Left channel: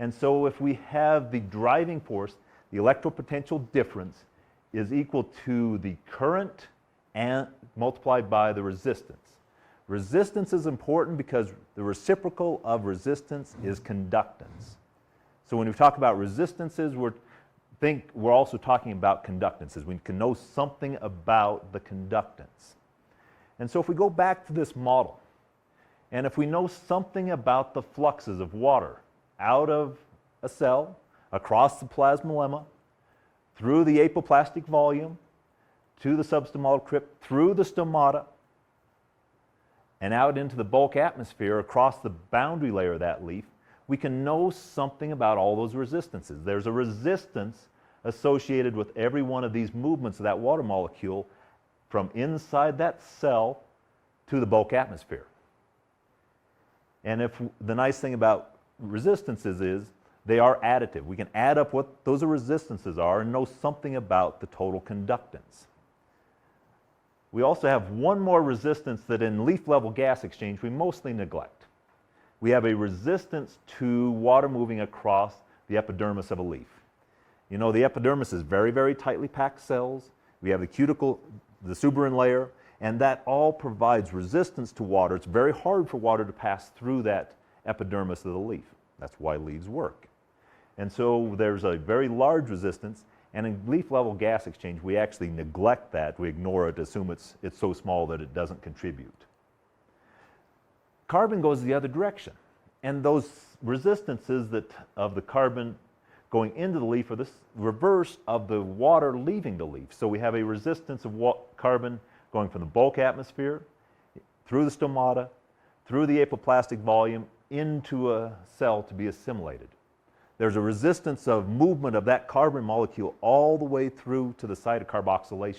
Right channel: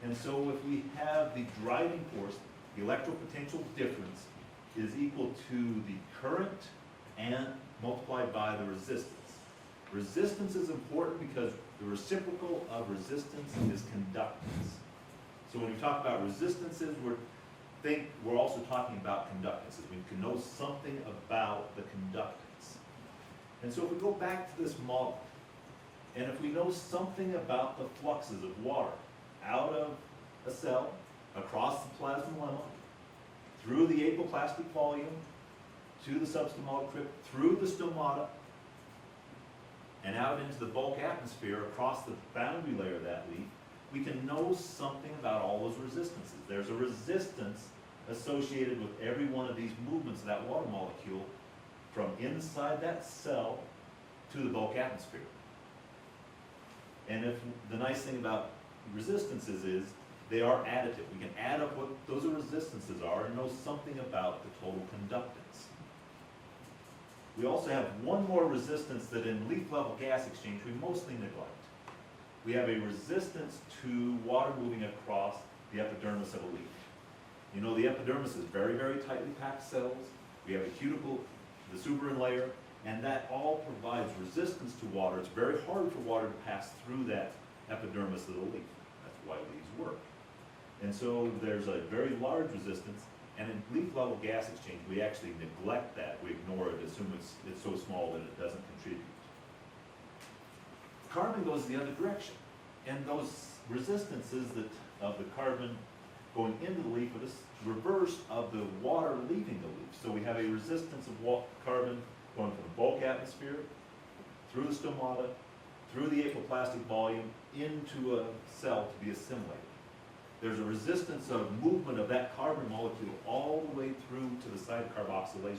And so if we have the driving force, the electropotential difference is equal to the current and multiplied by the resistance. Resistance is important because the reciprocal of resistance is conductance. So when we talk about resistances, we're also talking about conductances. We can know something about the conductance. And so if we go back to this model, and if we know something about the fluxes of water out of a cell, across the plasmalemma, through the apoplastic volume, to the substomatal crypt, through the stomata, and out into the bulk atmosphere across the boundary layer of that leaf, we can know something about all those resistances. There's a resistance associated with every one of these movements of that water molecule from inside that cell to the bulk atmosphere. And the nice thing about resistances is they are additive. We can add up what those resistances are and know something about the total conductance. We also have one more resistance that in leaf-level gas exchange we mostly neglect. We have a resistance to water moving across the epidermis of a leaf. You know, the epidermis is very, very tightly packed cells. We have the cuticle, the suberin layer, and that all provides resistance to water. It's very hard for water to pass through that epidermis of the leaf. That's why leaves work. And so there's a very large resistance, and in leaf-level gas exchange, we actually neglect that. We ignore it, assume it's so small that it doesn't contribute. Carbon goes the other direction, and those resistances of the carbon going into the leaf are the reverse of the water leaving the leaf. So we have a resistance of carbon going from the bulk atmosphere, through the stomata, through the apoplastic volume, into a cell to be assimilated. There's a resistance of movement of that carbon molecule all the way through to the site of carboxylation.